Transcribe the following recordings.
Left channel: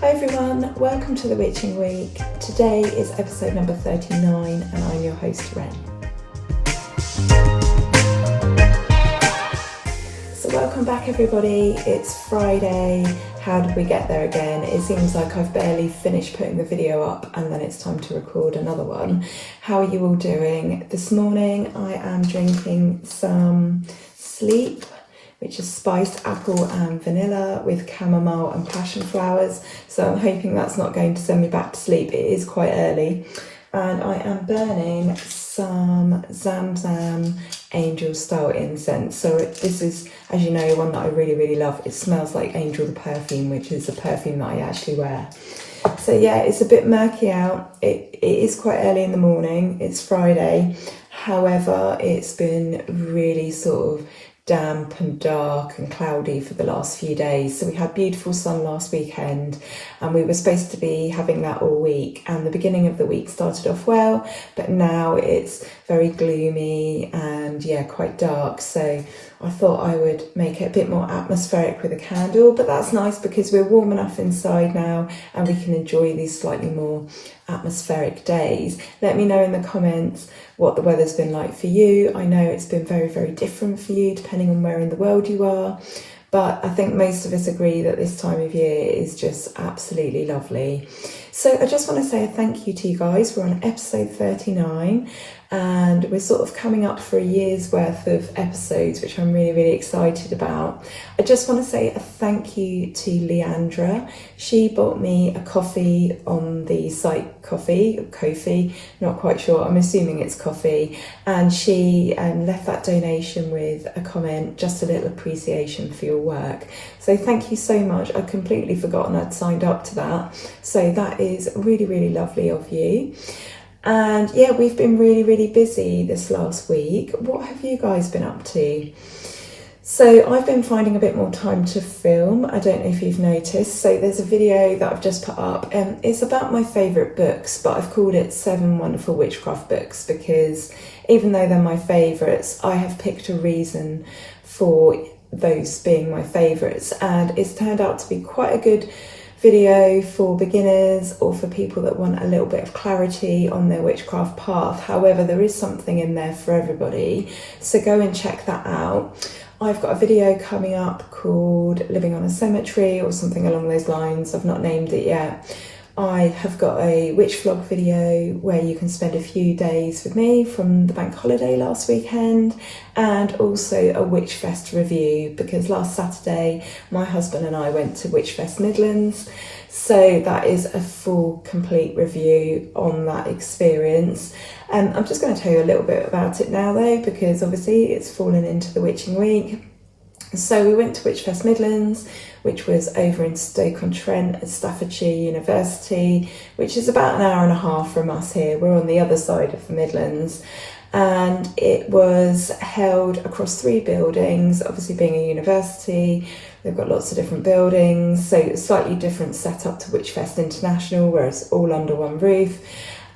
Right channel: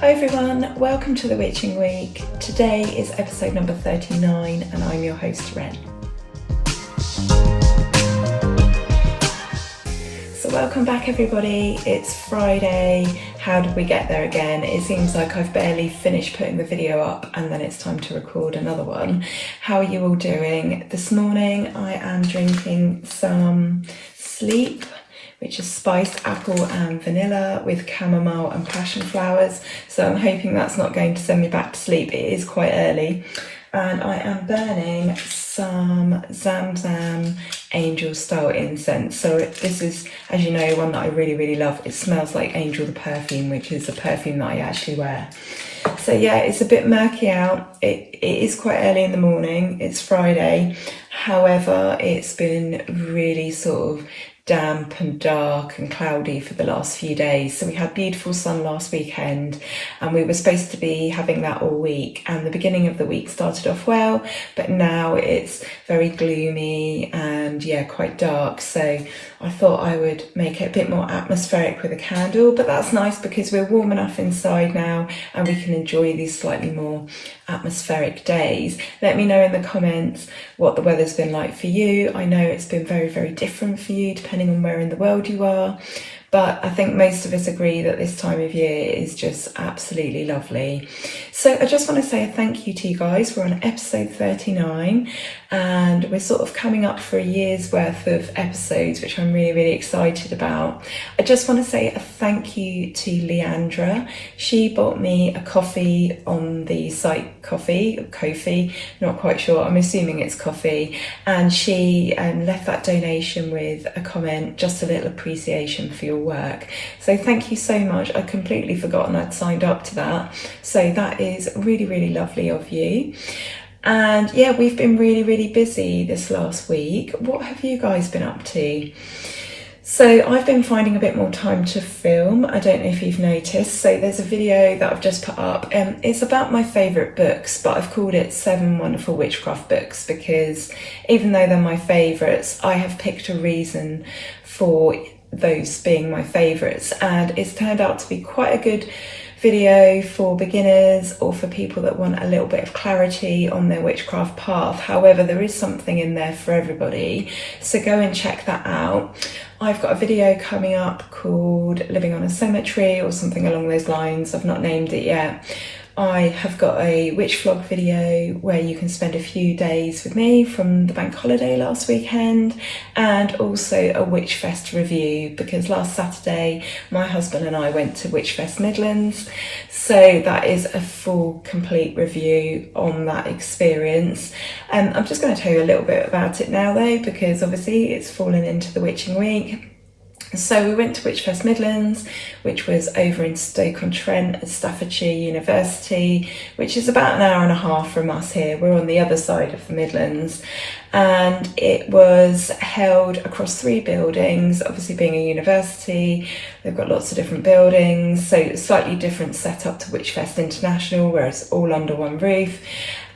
Hi everyone, welcome to the Witching Week. Today is episode number 39 and I'm your host Ren. So welcome back everybody, it's Friday. How did we get there again? It seems like I've barely finished putting the video up and then it's time to record another one. How are you all doing? This morning I am drinking some Sleep, which is spiced apple and vanilla with chamomile and passion flowers. So I'm hoping that's not going to send me back to sleep. It is quite early. And I am burning some Zamzam Angel style incense. So this is, as you know, one that I really love. It smells like Angel the perfume, which is a perfume that I actually wear. So yeah, it's a bit murky out. It is quite early in the morning. It's Friday. However, it's been really sort of damp and dark and cloudy for the last few days. So we had beautiful sun last weekend and we were supposed to be having that all week, and the beginning of the week started off well, but now it's very gloomy and yeah, quite dark. So I thought I would make it a bit more atmospheric with a candle, but that's nice because we're warm enough inside now and we can enjoy these slightly more atmospheric days. Let me know in the comments what the weather's been like for you. I know it's been very different for you depending on where in the world you are, but I think most of us agree that this time of year is just absolutely lovely. So I just want to say a thank you to you guys. We're on episode 39 and we're sort of coming up for a year's worth of episodes, which I'm really excited about. I just want to say a thank you to Leandra. She bought me a coffee on the site Ko-fi, not quite sure, I'm assuming it's coffee, and she left that donation with a comment, just a little appreciation for your work. So thank you so much. I'd completely forgotten I'd signed up to that, so that is really lovely of you. And yeah, we've been really busy this last week. What have you guys been up to? So I've been finding a bit more time to film. I don't know if you've noticed. So there's a video that I've just put up. It's about my favourite books, but I've called it 7 Wonderful Witchcraft Books because even though they're my favourites, I have picked a reason for those being my favourites, and it's turned out to be quite a good video for beginners or for people that want a little bit of clarity on their witchcraft path. However, there is something in there for everybody, so go and check that out. I've got a video coming up called Living on a Cemetery or something along those lines. I've not named it yet. I have got a witch vlog video where you can spend a few days with me from the bank holiday last weekend, and also a Witchfest review because last Saturday my husband and I went to Witchfest Midlands, so that is a full complete review on that experience. I'm just going to tell you a little bit about it now though, because obviously it's fallen into the Witching Week. So we went to Witchfest Midlands, which was over in Stoke-on-Trent at Staffordshire University, which is about an hour and a half from us here. We're on the other side of the Midlands, and it was held across 3 buildings. Obviously being a university, they've got lots of different buildings, so it's slightly different setup to Witchfest International, where it's all under one roof.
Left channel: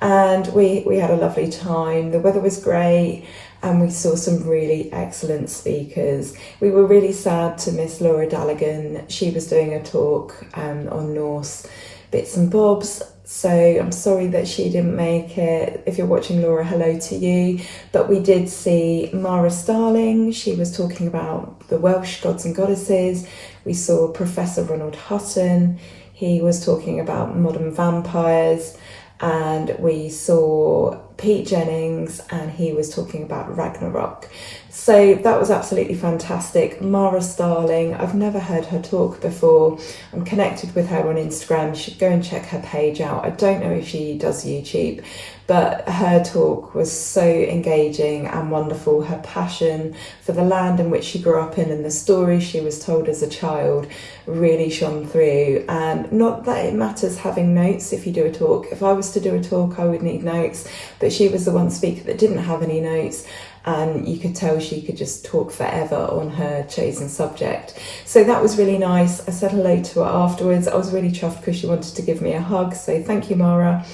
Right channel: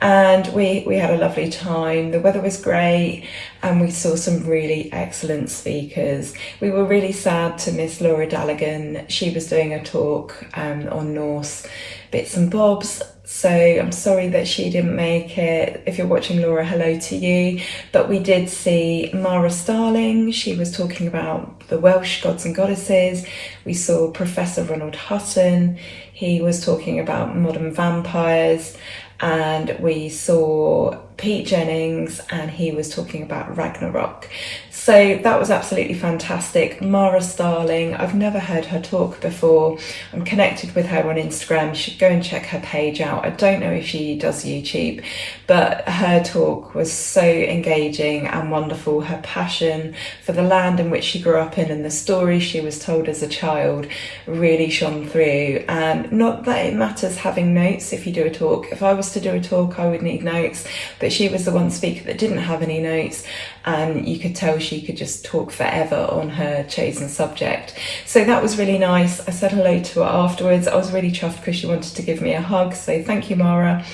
And we had a lovely time. The weather was great and we saw some really excellent speakers. We were really sad to miss Laura Dallaghan. She was doing a talk on Norse bits and bobs, so I'm sorry that she didn't make it. If you're watching, Laura, hello to you. But we did see Mara Starling. She was talking about the Welsh gods and goddesses. We saw Professor Ronald Hutton. He was talking about modern vampires. And we saw Pete Jennings and he was talking about Ragnarok. So that was absolutely fantastic. Mara Starling, I've never heard her talk before. I'm connected with her on Instagram. You should go and check her page out. I don't know if she does YouTube, but her talk was so engaging and wonderful. Her passion for the land in which she grew up in and the stories she was told as a child really shone through. And not that it matters having notes if you do a talk. If I was to do a talk, I would need notes, but she was the one speaker that didn't have any notes, and you could tell she could just talk forever on her chosen subject. So that was really nice. I said hello to her afterwards. I was really chuffed because she wanted to give me a hug, so thank you, Mara.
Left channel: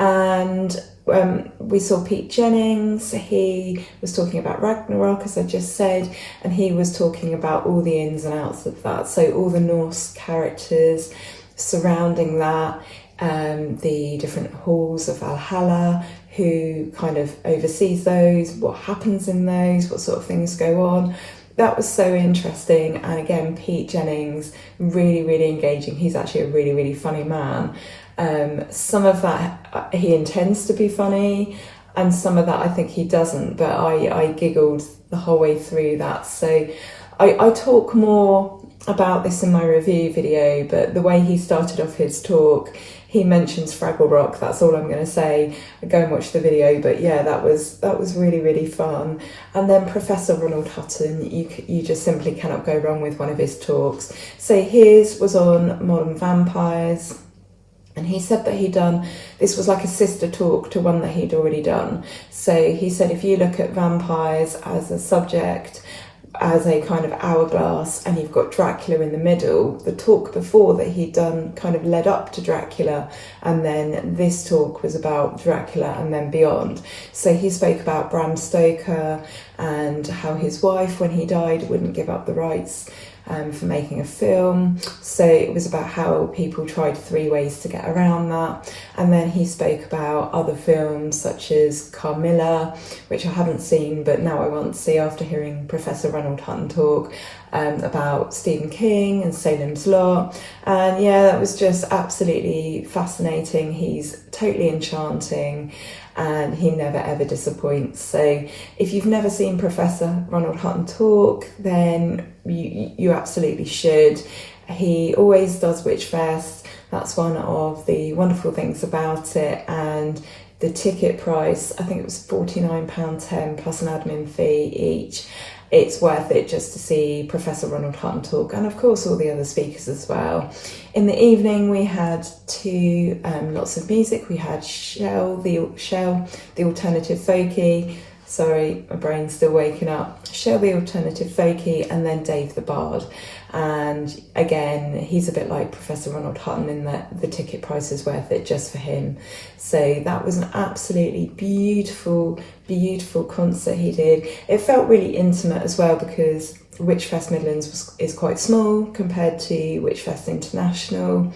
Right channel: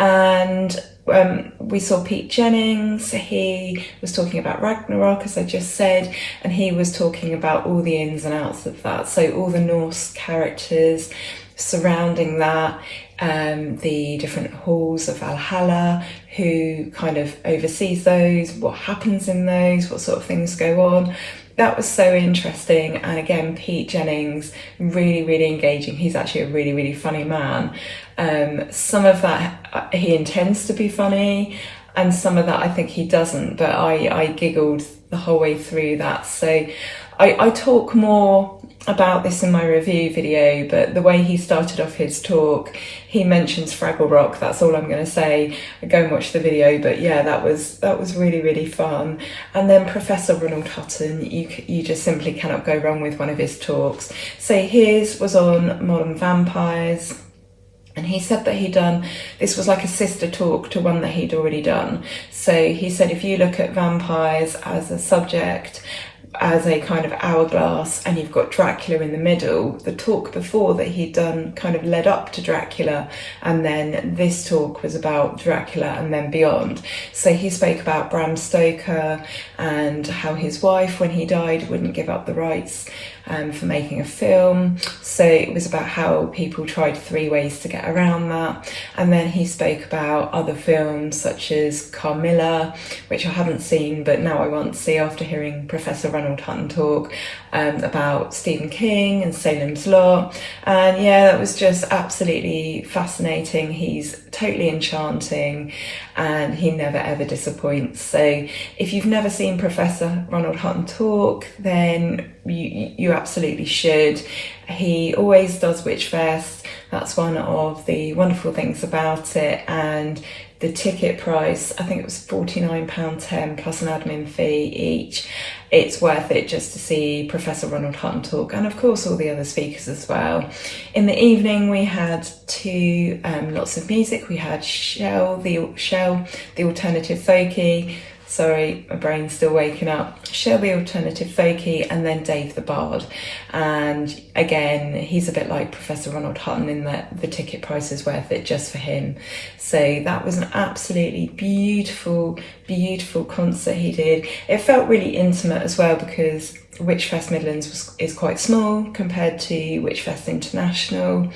And we saw Pete Jennings. He was talking about Ragnarok, as I just said, and he was talking about all the ins and outs of that. So all the Norse characters, surrounding that, the different halls of Valhalla, who kind of oversees those, what happens in those, what sort of things go on. That was so interesting. And again, Pete Jennings, really, really engaging. He's actually a really, really funny man. Some of that he intends to be funny, and some of that I think he doesn't, but I giggled the whole way through that. So I talk more about this in my review video, but the way he started off his talk, he mentions Fraggle Rock. That's all I'm going to say. Go and watch the video. But yeah, that was really, really fun. And then Professor Ronald Hutton, you just simply cannot go wrong with one of his talks. So his was on modern vampires. And he said that this was like a sister talk to one that he'd already done. So he said, if you look at vampires as a subject, as a kind of hourglass, and you've got Dracula in the middle, the talk before that he'd done kind of led up to Dracula, and then this talk was about Dracula and then beyond. So he spoke about Bram Stoker and how his wife, when he died, wouldn't give up the rights for making a film. So it was about how people tried 3 ways to get around that. And then he spoke about other films such as Carmilla, which I haven't seen, but now I want to see after hearing Professor Ronald Hutton talk, about Stephen King and Salem's Lot. And yeah, that was just absolutely fascinating. He's totally enchanting and he never ever disappoints. So if you've never seen Professor Ronald Hutton talk, then you absolutely should. He always does Witchfest. That's one of the wonderful things about it. And the ticket price, I think it was £49.10 plus an admin fee each. It's worth it just to see Professor Ronald Hutton talk, and of course all the other speakers as well. In the evening we had lots of music. We had Shell, the alternative folkie. Sorry, my brain's still waking up. Shell, the alternative folkie, and then Dave the Bard. And again, he's a bit like Professor Ronald Hutton in that the ticket price is worth it just for him. So that was an absolutely beautiful, beautiful concert he did. It felt really intimate as well because Witchfest Midlands is quite small compared to Witchfest International.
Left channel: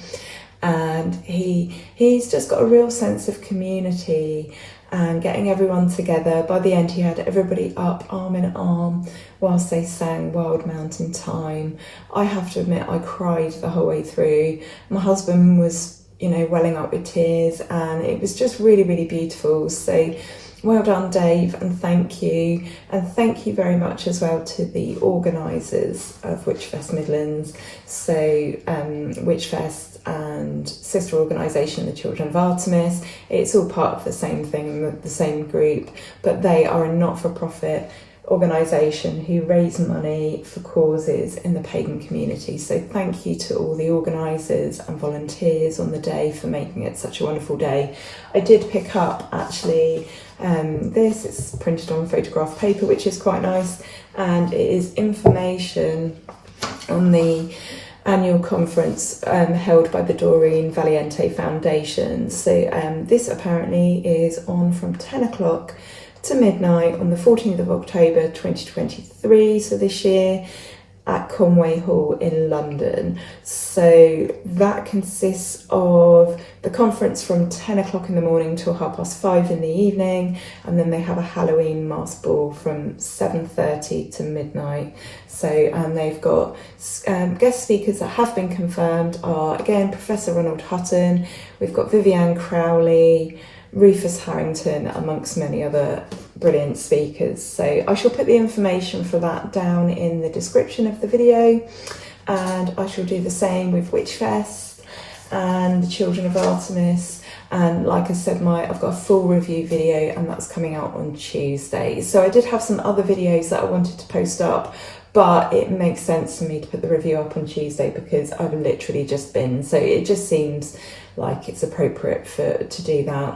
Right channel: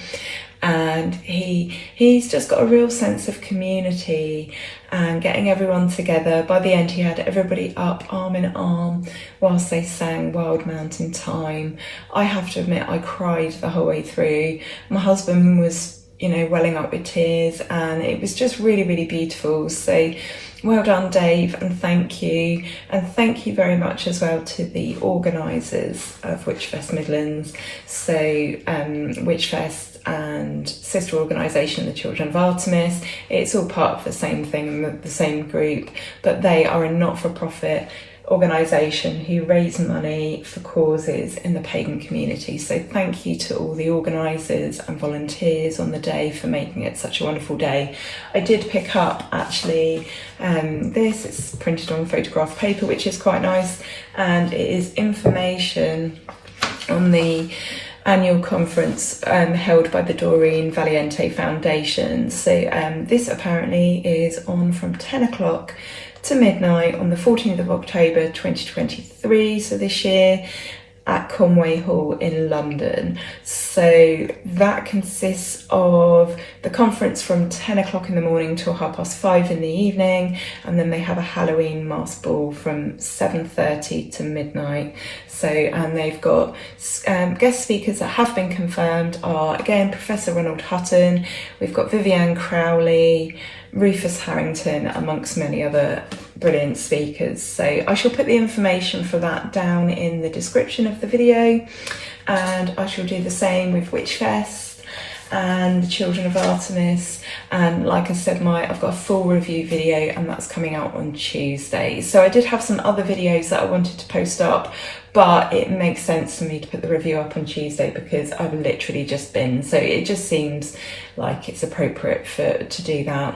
And he's just got a real sense of community and getting everyone together. By the end, he had everybody up arm in arm whilst they sang Wild Mountain Thyme. I have to admit, I cried the whole way through. My husband was, welling up with tears, and it was just really, really beautiful. So well done, Dave, and thank you. And thank you very much as well to the organisers of Witchfest Midlands. So Witchfest and sister organisation, the Children of Artemis. It's all part of the same thing, the same group, but they are a not-for-profit organisation who raise money for causes in the pagan community. So thank you to all the organisers and volunteers on the day for making it such a wonderful day. I did pick up actually it's printed on photograph paper, which is quite nice, and it is information on the annual conference held by the Doreen Valiente Foundation. So this apparently is on from 10 o'clock to midnight on the 14th of October 2023, so this year, at Conway Hall in London. So that consists of the conference from 10 o'clock in the morning till 5:30 in the evening, and then they have a Halloween mask ball from 7:30 to midnight. So, and they've got guest speakers that have been confirmed are, again, Professor Ronald Hutton, we've got Vivianne Crowley, Rufus Harrington, amongst many other brilliant speakers. So I shall put the information for that down in the description of the video, and I shall do the same with Witchfest and the Children of Artemis. And like I said, I've got a full review video, and that's coming out on Tuesday. So I did have some other videos that I wanted to post up, but it makes sense for me to put the review up on Tuesday because I've literally just been, so it just seems like it's appropriate to do that.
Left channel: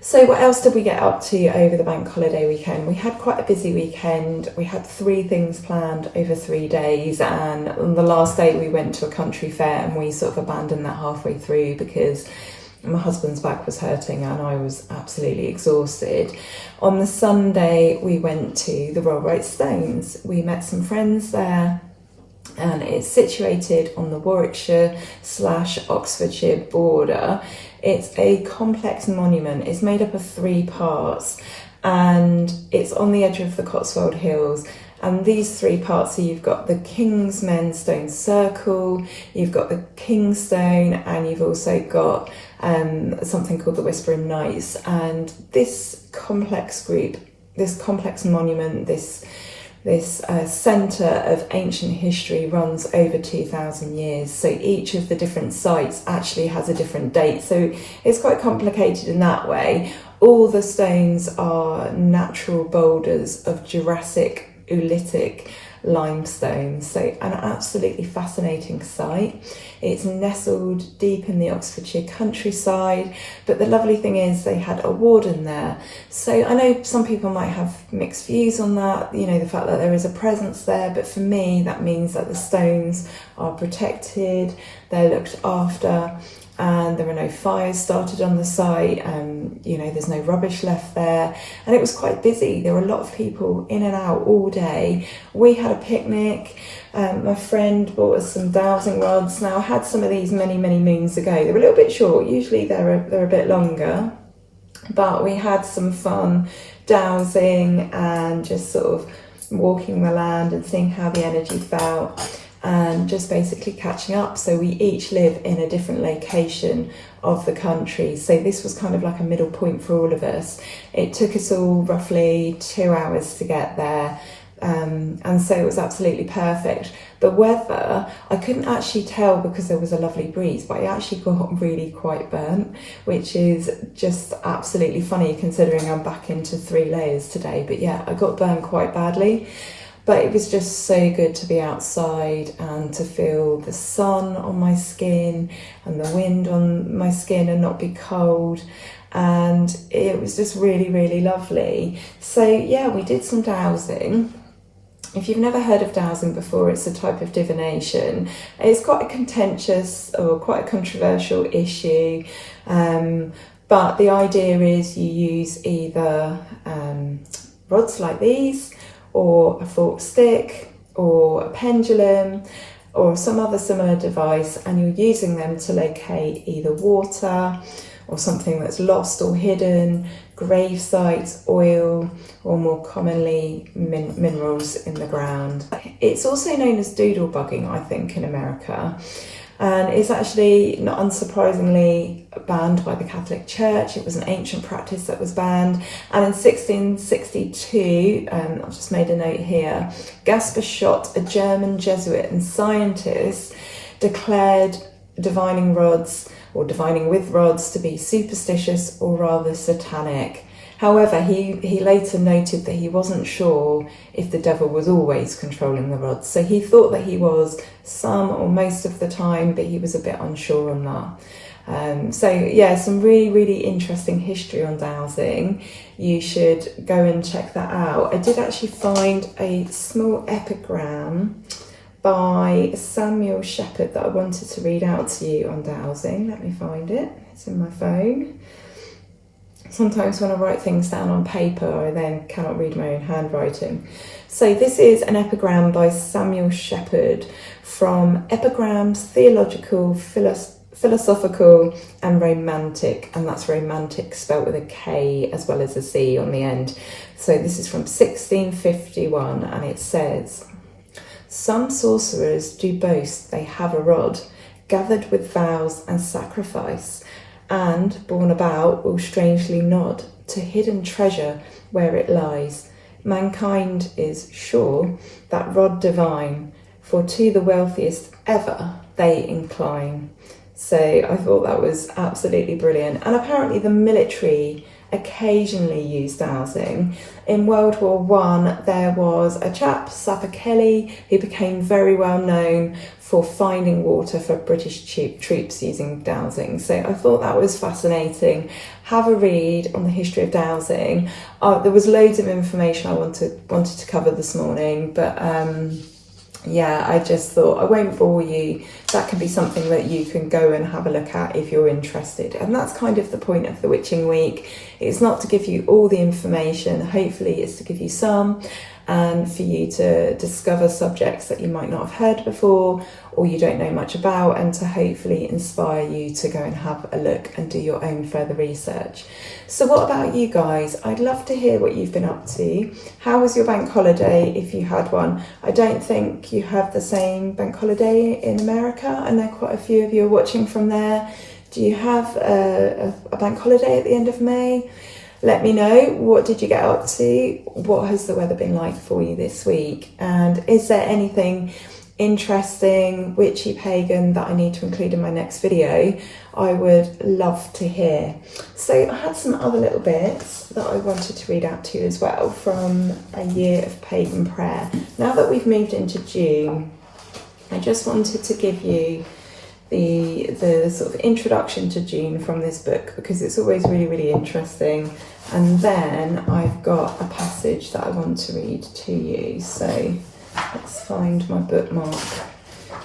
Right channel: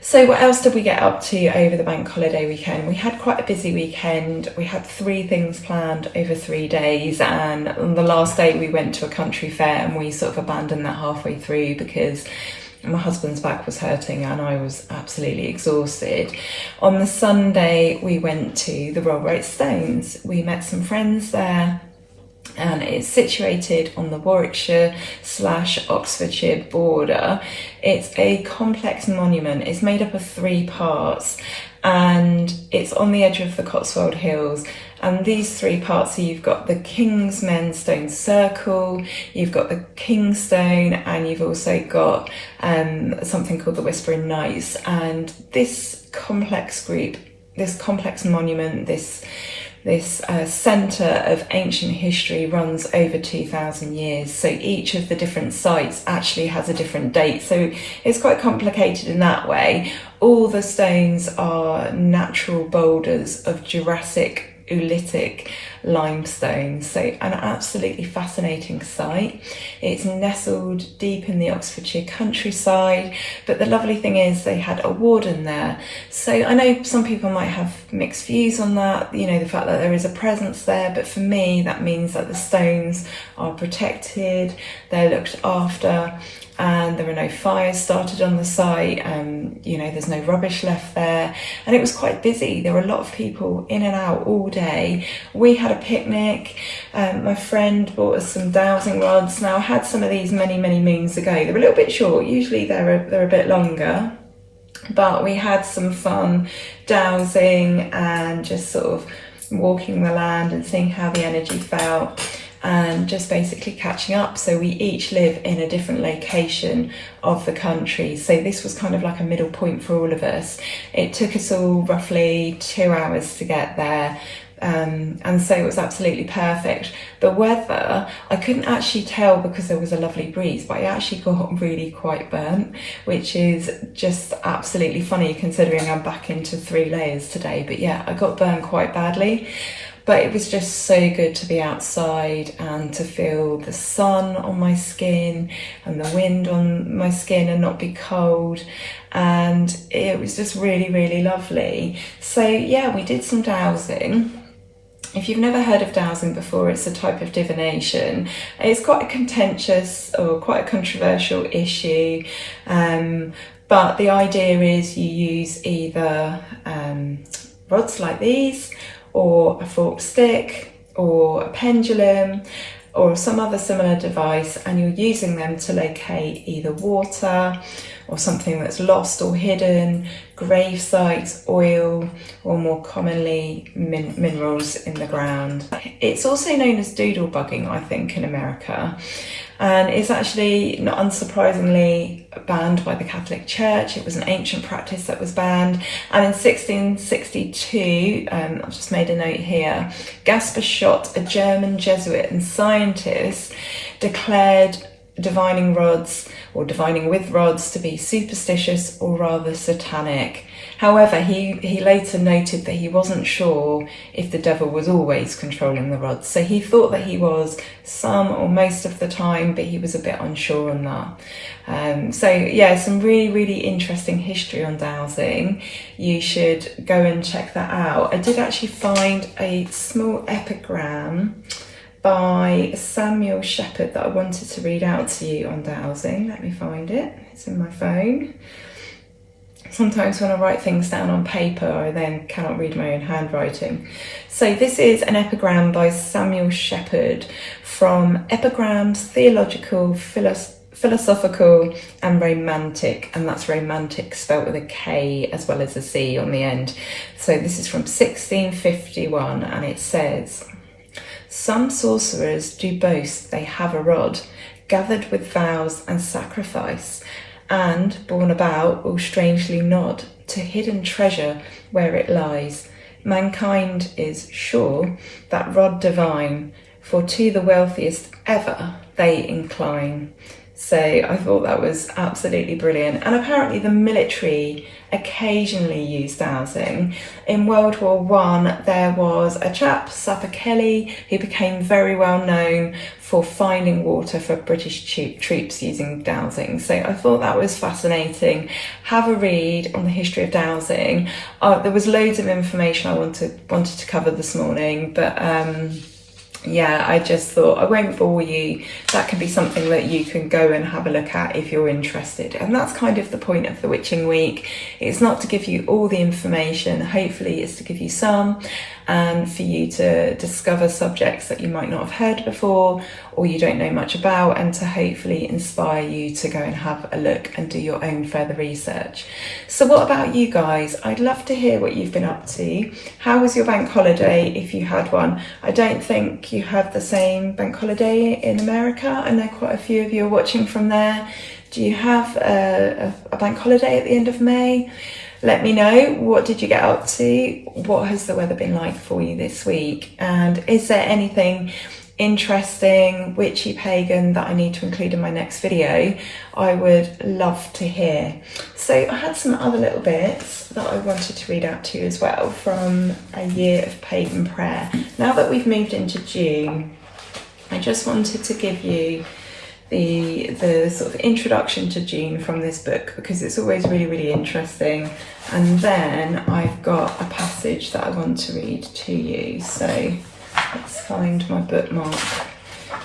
So what else did we get up to over the bank holiday weekend? We had quite a busy weekend. We had 3 things planned over 3 days, and on the last day we went to a country fair, and we sort of abandoned that halfway through because my husband's back was hurting and I was absolutely exhausted. On the Sunday we went to the Rollright Stones. We met some friends there, and it's situated on the Warwickshire/Oxfordshire border. It's a complex monument. It's made up of 3 parts, and it's on the edge of the Cotswold Hills. And these 3 parts, so you've got the King's Men Stone Circle, you've got the King's Stone, and you've also got something called the Whispering Knights. And this complex group, this complex monument, this centre of ancient history runs over 2,000 years. So each of the different sites actually has a different date. So it's quite complicated in that way. All the stones are natural boulders of Jurassic Oolitic limestone, so an absolutely fascinating site. It's nestled deep in the Oxfordshire countryside, but the lovely thing is they had a warden there. So I know some people might have mixed views on that, you know, the fact that there is a presence there, but for me that means that the stones are protected, they're looked after, and there are no fires started on the site. You know, there's no rubbish left there, and it was quite busy. There were a lot of people in and out all day. We had a picnic. My friend bought us some dowsing rods. Now I had some of these many moons ago. They were a little bit short. Usually they're a bit longer, but we had some fun dowsing and just sort of walking the land and seeing how the energy felt, and just basically catching up. So we each live in a different location of the country, so this was kind of like a middle point for all of us. It took us all roughly 2 hours to get there, and so it was absolutely perfect. The weather, I couldn't actually tell because there was a lovely breeze, but I actually got really quite burnt, which is just absolutely funny considering I'm back into 3 layers today. But yeah, I got burnt quite badly. But it was just so good to be outside and to feel the sun on my skin and the wind on my skin and not be cold. And it was just really lovely. So yeah, we did some dowsing. If you've never heard of dowsing before, it's a type of divination. It's quite a contentious or quite a controversial issue. But the idea is you use either rods like these, or a forked stick, or a pendulum, or some other similar device, and you're using them to locate either water or something that's lost or hidden, grave sites, oil, or more commonly minerals in the ground. It's also known as doodle bugging, I think, in America. And it's actually, not unsurprisingly, banned by the Catholic Church. It was an ancient practice that was banned. And in 1662, I've just made a note here, Gaspar Schott, a German Jesuit and scientist, declared divining rods or divining with rods to be superstitious or rather satanic. However, he later noted that he wasn't sure if the devil was always controlling the rods. So he thought that he was some or most of the time, but he was a bit unsure on that. So yeah, some really interesting history on dowsing. You should go and check that out. I did actually find a small epigram by Samuel Shepherd that I wanted to read out to you on dowsing. Let me find it. It's in my phone. Sometimes when I write things down on paper, I then cannot read my own handwriting. So this is an epigram by Samuel Shepherd from Epigrams, Theological, Philosophical and Romantic, and that's romantic spelt with a K as well as a C on the end. So this is from 1651, and it says, "Some sorcerers do boast they have a rod, gathered with vows and sacrifice, and, borne about, will strangely nod to hidden treasure where it lies. Mankind is sure that rod divine, for to the wealthiest ever they incline." So I thought that was absolutely brilliant. And apparently the military occasionally used dowsing. In World War I, there was a chap, Sapper Kelly, who became very well known for finding water for British troops using dowsing. So I thought that was fascinating. Have a read on the history of dowsing. There was loads of information I wanted to cover this morning, but yeah, I just thought I won't bore you. That can be something that you can go and have a look at if you're interested. And that's kind of the point of the Witching Week. It's not to give you all the information, hopefully it's to give you some. and for you to discover subjects that you might not have heard before or you don't know much about, and to hopefully inspire you to go and have a look and do your own further research. So what about you guys? I'd love to hear what you've been up to. How was your bank holiday, if you had one? I don't think you have the same bank holiday in America. I know quite a few of you are watching from there. Do you have a bank holiday at the end of May? Let me know, what did you get up to? What has the weather been like for you this week? And is there anything interesting, witchy, pagan that I need to include in my next video? I would love to hear. So I had some other little bits that I wanted to read out to you as well from a year of pagan prayer. Now that we've moved into June, I just wanted to give you the sort of introduction to June from this book, because it's always really, really interesting. And then I've got a passage that I want to read to you. So let's find my bookmark.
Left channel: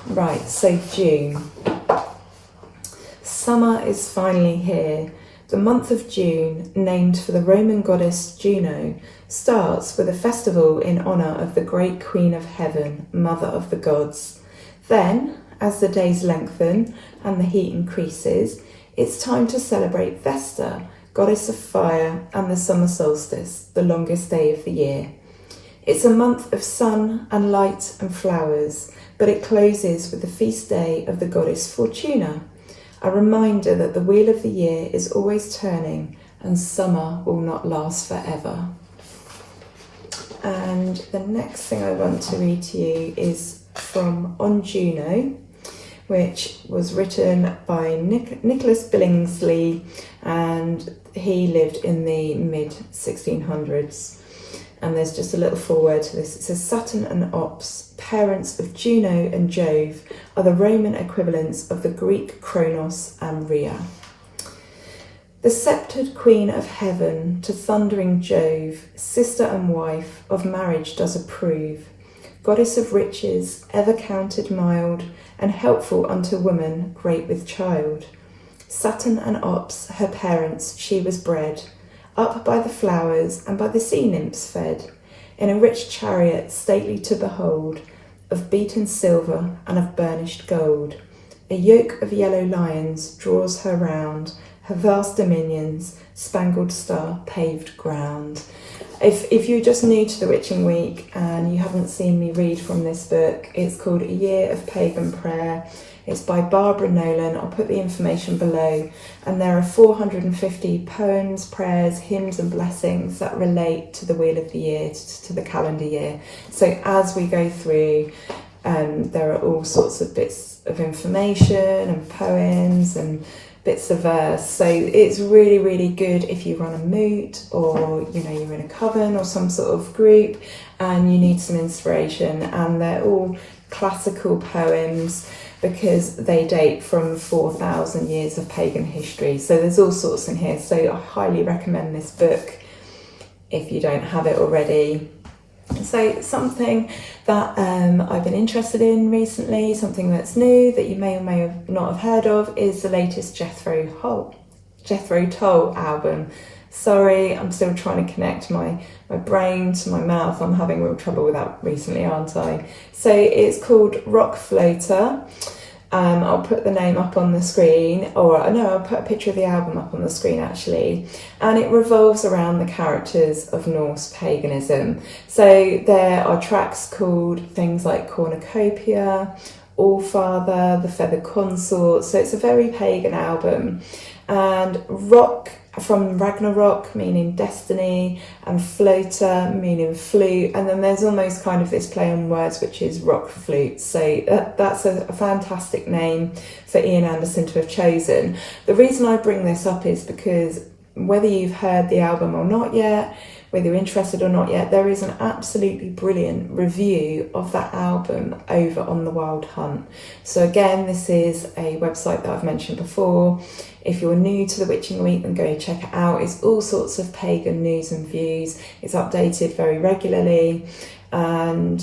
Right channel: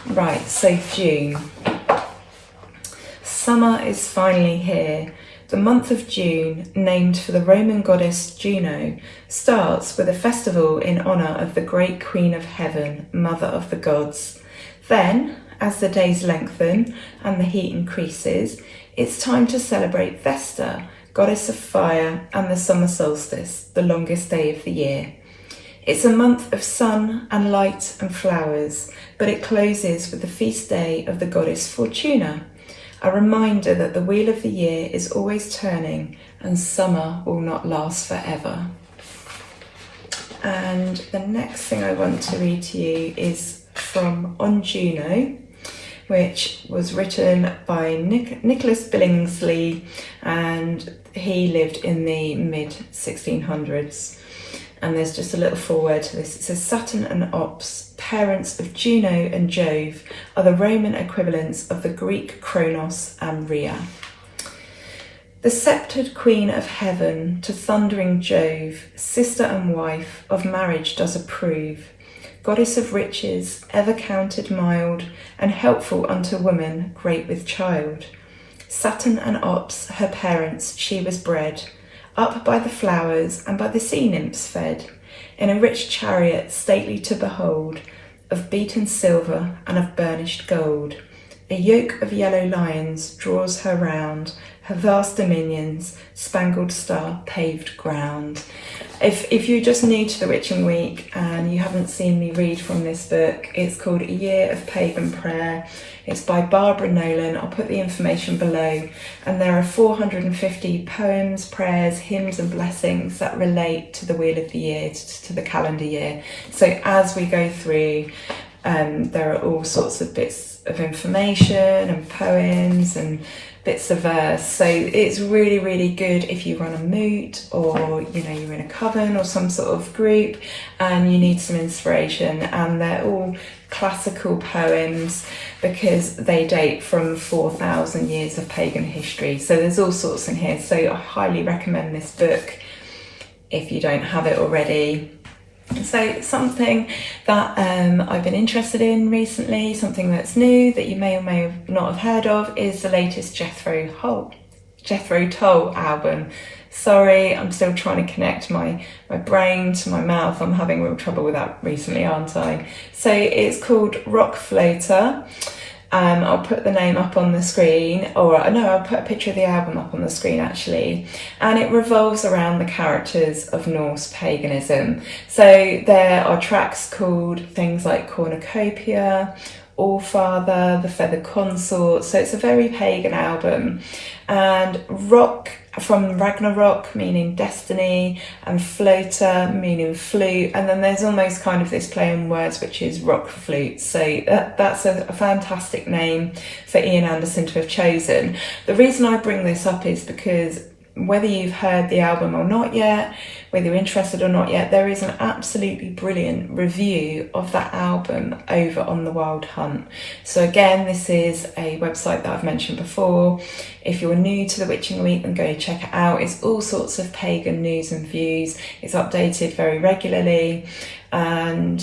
Right, so June. Summer is finally here. The month of June, named for the Roman goddess Juno, starts with a festival in honour of the great Queen of Heaven, Mother of the Gods. Then, as the days lengthen and the heat increases, it's time to celebrate Vesta, goddess of fire, and the summer solstice, the longest day of the year. It's a month of sun and light and flowers, but it closes with the feast day of the goddess Fortuna, a reminder that the wheel of the year is always turning and summer will not last forever. And the next thing I want to read to you is from On Juno, which was written by Nicholas Billingsley, and he lived in the mid-1600s. And there's just a little foreword to this. It says, Saturn and Ops, parents of Juno and Jove, are the Roman equivalents of the Greek Kronos and Rhea. The sceptred queen of heaven, to thundering Jove, sister and wife, of marriage does approve. Goddess of riches, ever counted mild, and helpful unto woman, great with child. Saturn and Ops, her parents, she was bred, up by the flowers and by the sea nymphs fed, in a rich chariot stately to behold, of beaten silver and of burnished gold. A yoke of yellow lions draws her round, her vast dominions, spangled star paved ground. If you're just new to the Witching Week and you haven't seen me read from this book, it's called A Year of Pagan Prayer. It's by Barbara Nolan. I'll put the information below. And there are 450 poems, prayers, hymns and blessings that relate to the Wheel of the Year, to the calendar year. So as we go through, there are all sorts of bits of information and poems and bits of verse. So it's really, really good if you run a moot, or you're in a coven or some sort of group and you need some inspiration. And they're all classical poems because they date from 4,000 years of pagan history. So there's all sorts in here. So I highly recommend this book if you don't have it already. So something that I've been interested in recently, something that's new that you may or may not have heard of, is the latest Jethro Tull album. Sorry, I'm still trying to connect my brain to my mouth. I'm having real trouble with that recently, aren't I? So it's called Rock Floater. I'll put the name up on the screen, or no, I'll put a picture of the album up on the screen actually. And it revolves around the characters of Norse paganism. So there are tracks called things like Cornucopia, Allfather, The Feathered Consort. So it's a very pagan album. And rock, from Ragnarok, meaning destiny, and floater, meaning flute, and then there's almost kind of this play on words, which is rock flute. So that's a fantastic name for Ian Anderson to have chosen. The reason I bring this up is because whether you've heard the album or not yet, whether you're interested or not yet, there is an absolutely brilliant review of that album over on The Wild Hunt. So again, this is a website that I've mentioned before. If you're new to the Witching Week, then go check it out. It's all sorts of pagan news and views. It's updated very regularly. And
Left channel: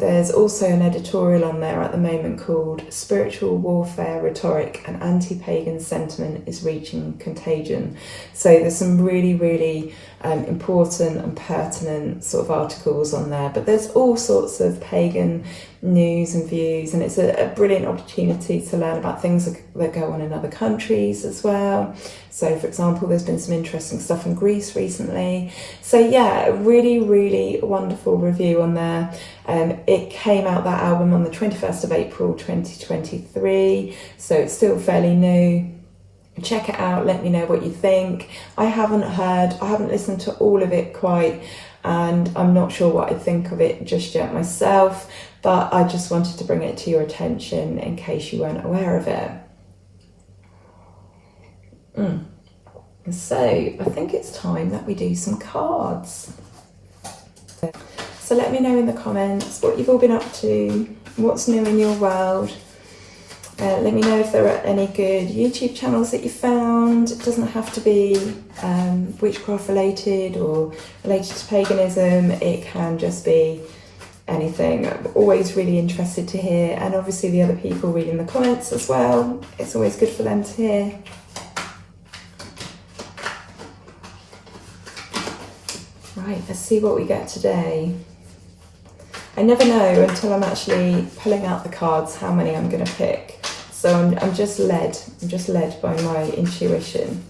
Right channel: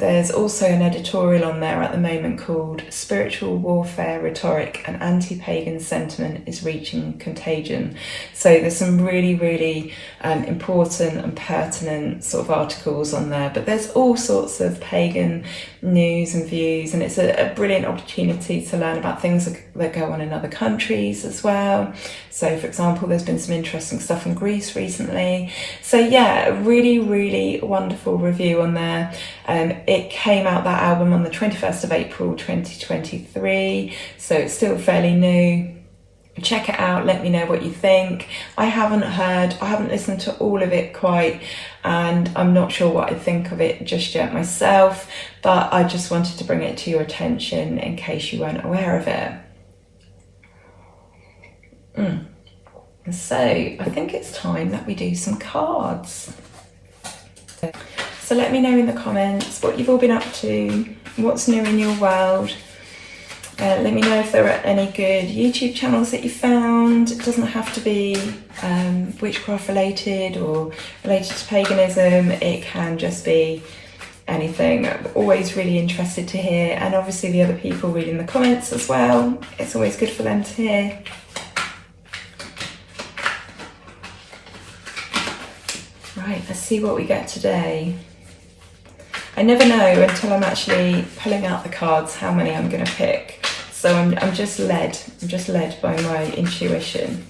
there's also an editorial on there at the moment called Spiritual Warfare Rhetoric and Anti-Pagan Sentiment is Reaching Contagion. So there's some really, really important relevant and pertinent sort of articles on there, but there's all sorts of pagan news and views, and it's a brilliant opportunity to learn about things that go on in other countries as well. So for example, there's been some interesting stuff in Greece recently. So yeah, a really, really wonderful review on there. It came out, that album, on the 21st of April 2023, so it's still fairly new. Check it out, let me know what you think. I haven't listened to all of it quite, and I'm not sure what I think of it just yet myself, but I just wanted to bring it to your attention in case you weren't aware of it. So I think it's time that we do some cards. So let me know in the comments what you've all been up to, what's new in your world. Let me know if there are any good YouTube channels that you found. It doesn't have to be witchcraft related or related to paganism. It can just be anything. I'm always really interested to hear, and obviously the other people reading the comments as well. It's always good for them to hear. Right, let's see what we get today. I never know until I'm actually pulling out the cards how many I'm going to pick. So I'm just led by my intuition.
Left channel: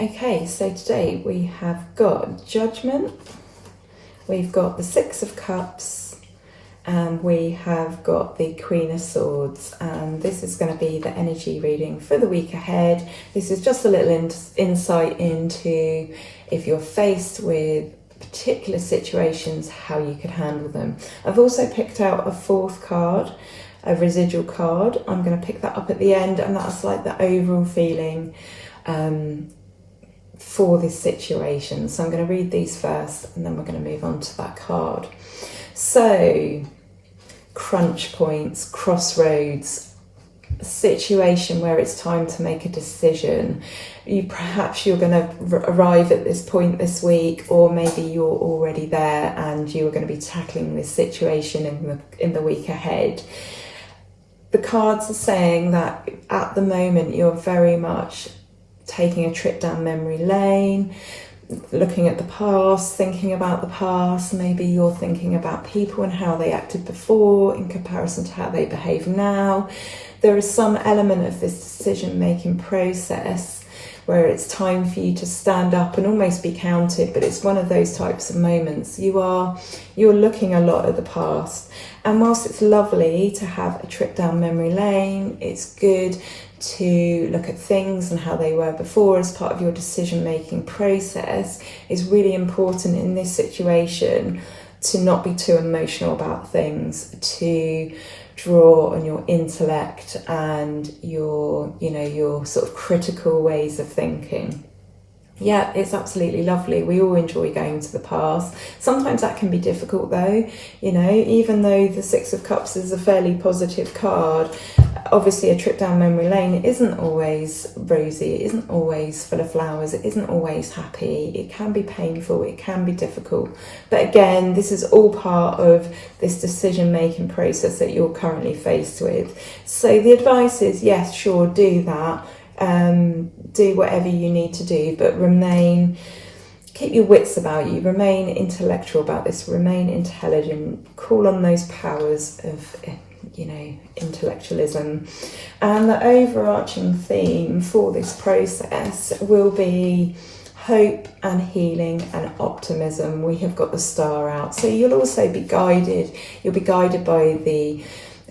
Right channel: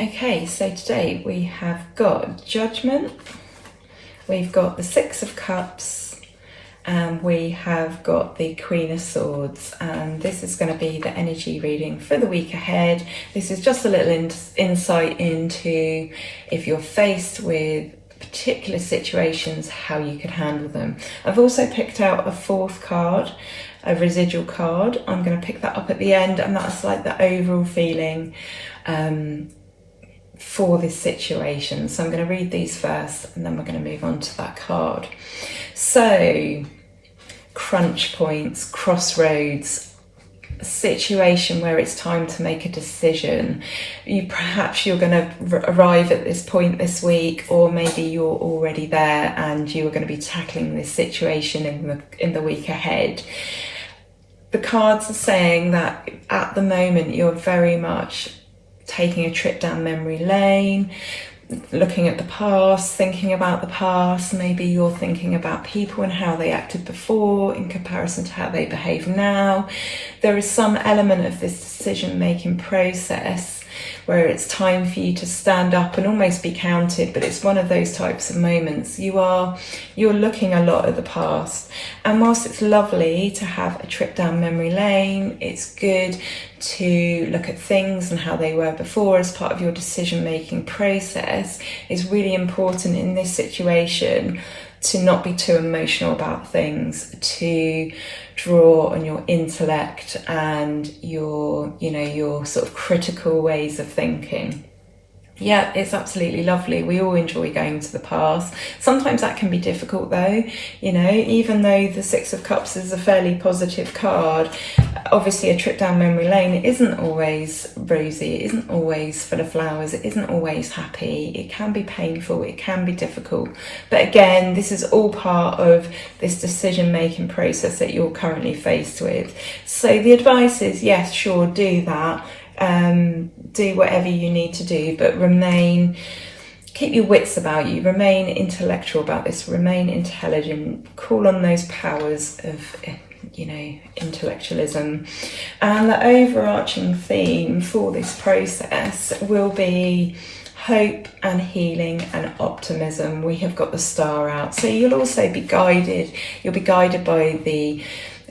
Okay, so today we have got Judgment, we've got the Six of Cups, and we have got the Queen of Swords, and this is going to be the energy reading for the week ahead. This is just a little insight into if you're faced with particular situations, how you could handle them. I've also picked out a fourth card, a residual card. I'm going to pick that up at the end, and that's like the overall feeling for this situation. So I'm going to read these first, and then we're going to move on to that card. So, crunch points, crossroads, a situation where it's time to make a decision. Perhaps you're going to arrive at this point this week, or maybe you're already there and you're going to be tackling this situation in the week ahead. The cards are saying that at the moment you're very much taking a trip down memory lane, looking at the past, thinking about the past. Maybe you're thinking about people and how they acted before in comparison to how they behave now. There is some element of this decision-making process where it's time for you to stand up and almost be counted, but it's one of those types of moments. You're looking a lot at the past, and whilst it's lovely to have a trip down memory lane, it's good to look at things and how they were before as part of your decision-making process. It's really important in this situation to not be too emotional about things, to draw on your intellect and your sort of critical ways of thinking. Yeah, it's absolutely lovely. We all enjoy going to the past. Sometimes that can be difficult though, even though the Six of Cups is a fairly positive card. Obviously a trip down memory lane, it isn't always rosy, it isn't always full of flowers, it isn't always happy, it can be painful, it can be difficult. But again, this is all part of this decision-making process that you're currently faced with. So the advice is, yes, sure, do that. Do whatever you need to do, but keep your wits about you, remain intellectual about this, remain intelligent, call on those powers of intellectualism. And the overarching theme for this process will be hope and healing and optimism. We have got the star out, so you'll also be guided. You'll be guided by the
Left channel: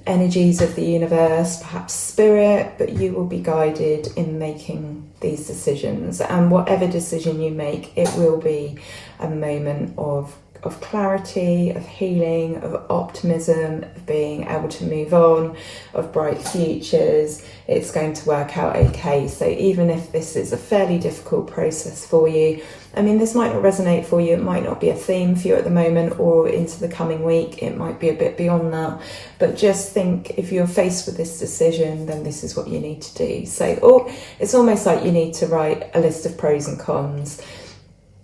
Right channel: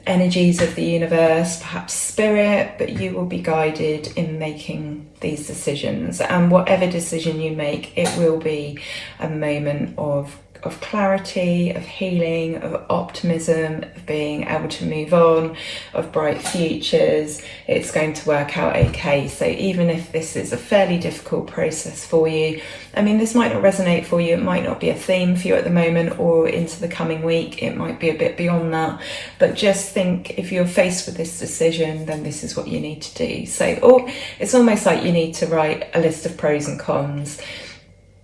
energies of the universe, perhaps spirit, but you will be guided in making these decisions. And whatever decision you make, it will be a moment of clarity, of healing, of optimism, of being able to move on, of bright futures. It's going to work out okay. So even if this is a fairly difficult process for you, this might not resonate for you, it might not be a theme for you at the moment or into the coming week, it might be a bit beyond that, but just think, if you're faced with this decision, then this is what you need to do. So it's almost like you need to write a list of pros and cons.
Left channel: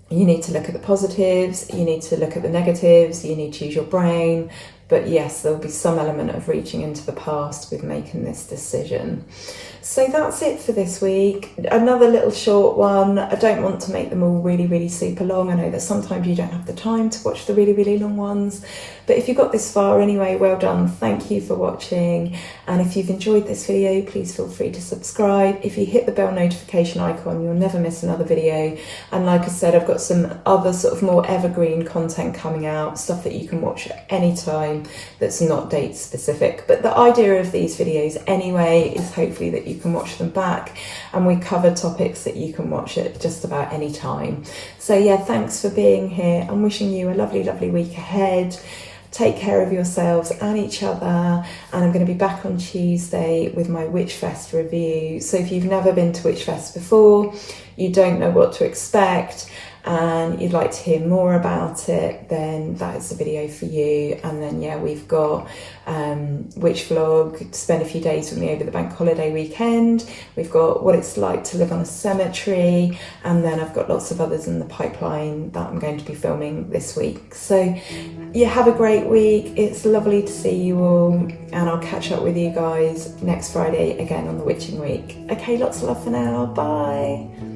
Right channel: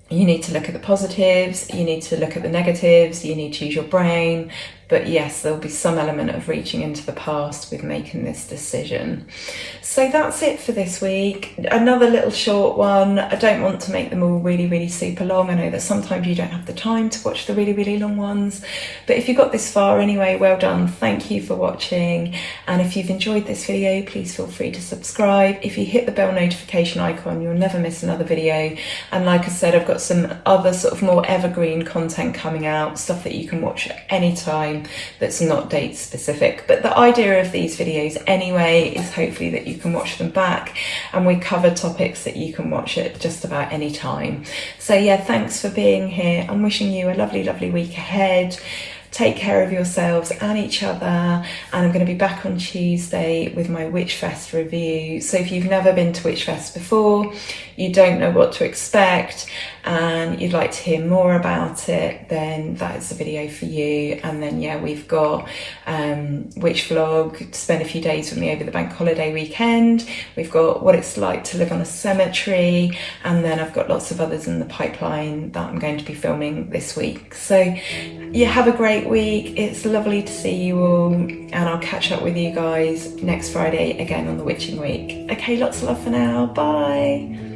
You need to look at the positives, you need to look at the negatives, you need to use your brain, But yes, there'll be some element of reaching into the past with making this decision. So that's it for this week. Another little short one. I don't want to make them all really, really super long. I know that sometimes you don't have the time to watch the really, really long ones. But if you got this far anyway, well done. Thank you for watching. And if you've enjoyed this video, please feel free to subscribe. If you hit the bell notification icon, you'll never miss another video. And like I said, I've got some other sort of more evergreen content coming out, stuff that you can watch at any time that's not date specific. But the idea of these videos anyway is hopefully that you can watch them back, and we cover topics that you can watch at just about any time. So yeah, thanks for being here. I'm wishing you a lovely, lovely week ahead. Take care of yourselves and each other, and I'm going to be back on Tuesday with my Witchfest review. So if you've never been to Witchfest before, you don't know what to expect, and you'd like to hear more about it, then that is the video for you. And then yeah, we've got Witch Vlog to spend a few days with me over the bank holiday weekend. We've got what it's like to live on a cemetery, and then I've got lots of others in the pipeline that I'm going to be filming this week. So yeah, have a great week. It's lovely to see you all, and I'll catch up with you guys next Friday again on the Witching Week. Okay, lots of love for now. Bye.